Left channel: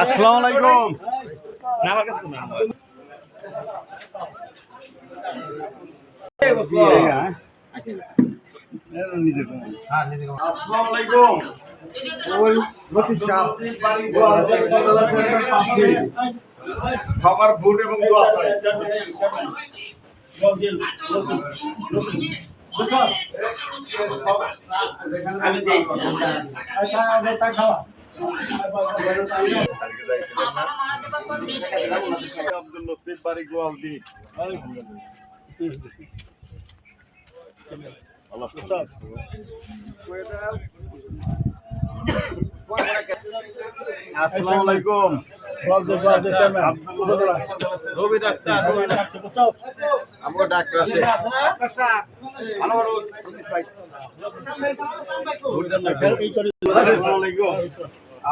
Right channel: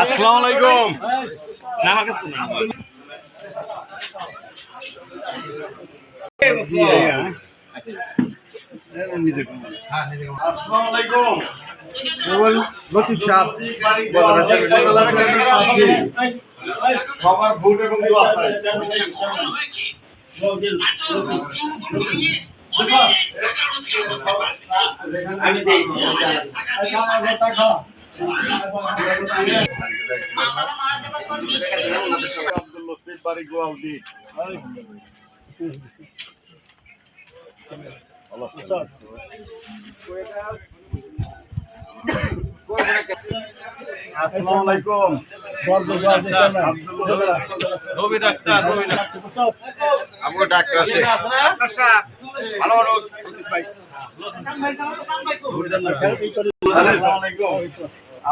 আসসালামু আলাইকুম। আসসালামু আলাইকুম। সবার ভোট এবং দোয়া চাই। আব্দুল লতিফ বাড়ি গোয়ালদি। আসসালামু আলাইকুম। রবি ডাক্তার আমগো ডাক্তার আছে। ভালো মানুষ আসসালামু আলাইকুম।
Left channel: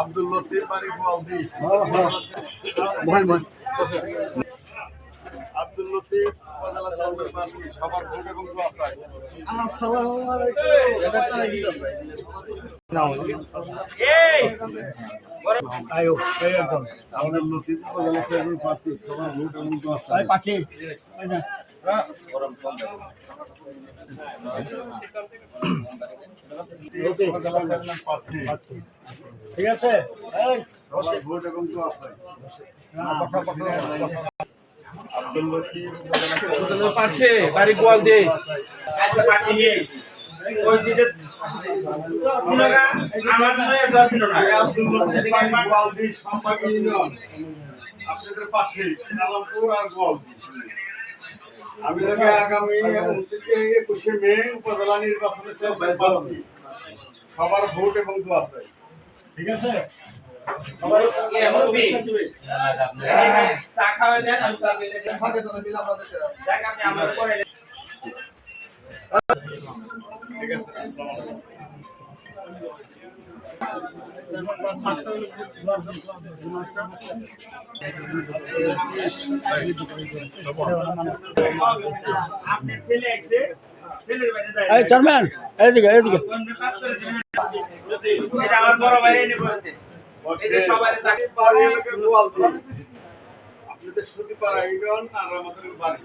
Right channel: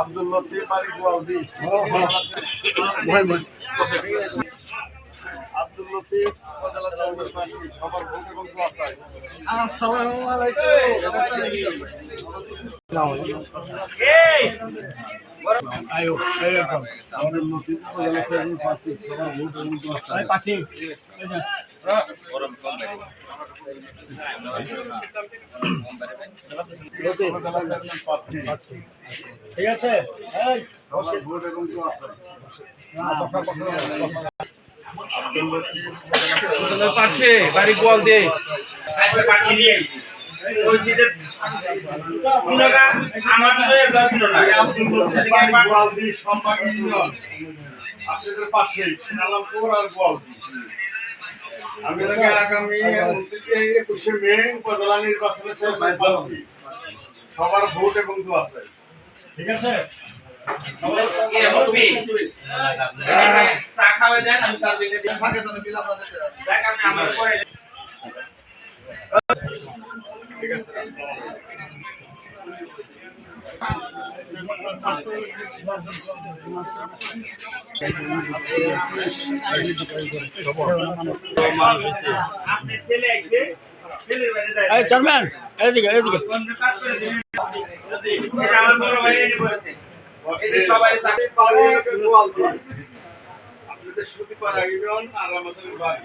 আব্দুল লতিফ বাড়ি গোয়ালদি। আব্দুল লতিফ উপজেলা চেয়ারম্যান প্রার্থী, সবার ভোট এবং দোয়া চাই। আসসালামু আলাইকুম। আব্দুল লতিফ উপজেলা চেয়ারম্যান প্রার্থী, সবার ভোট এবং দোয়া চাই। উপজেলা চেয়ারম্যান প্রার্থী, ঠিক আছে। সবার ভোট এবং দোয়া চাই। আব্দুল লতিফ উপজেলা পাশে বাড়ি গোয়াল দিয়ে পাঠিয়ে নিয়ে বলছি যে আমার দর্শন না গোয়ালদি সম্পাদক ইউনিয়ন আপনাদের পাশেই আলামপুর আর গোয়ালদি। আমি আগামী 21শে মে উপজেলা নির্বাচনে চেয়ারম্যান প্রার্থী, সবার ভোট এবং দোয়া চাই। ঠিক আছে। চা খাওয়া দেন আমি স্যার বেঁধে দিই দেখ আপনি আমার পরে ঠিক আছে। আপনি ছেলে আইছে ছেলের বাড়ি যাই এই চেয়ারম্যান এদিকে এদিকে। কোন কাজ করে দিবেন এটা আমার বড় ভাই এনে বলেছে এই যে সবাই গোয়ালদি আপনাদের সুতিপাড়া ইউনিয়ন আর আমাদের বাড়ি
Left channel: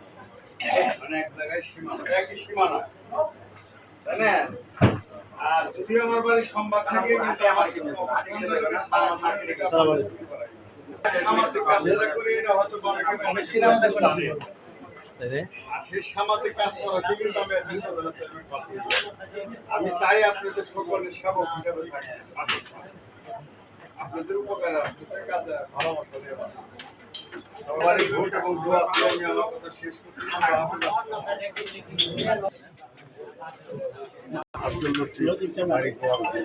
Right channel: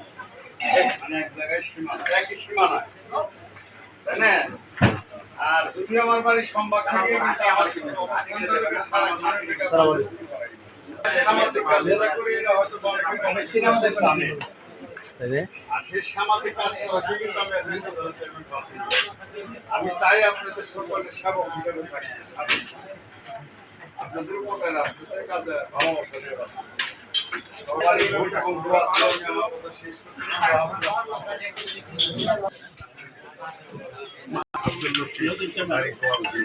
মানে এক জায়গায় সীমানা, একই সীমানা, তাই না? আর যদি আমার বাড়ি সম্ভাগ থেকে আমার সামাজিক কাজ যেটা করি এটা হয়তো সেই সামাজিক কাজ করাতে কিন্তু আমি চাই আপনাদের সকলের সেবক হিসেবে থাকি, আপনাদের উপকার আসতেছে কাজে ভালোবাসা দেওয়া। সবার ভোট এবং দোয়া চাই। আমি আমার কথা শেষ করতে আব্দুল লতিফ বাড়ি গোয়ালদি।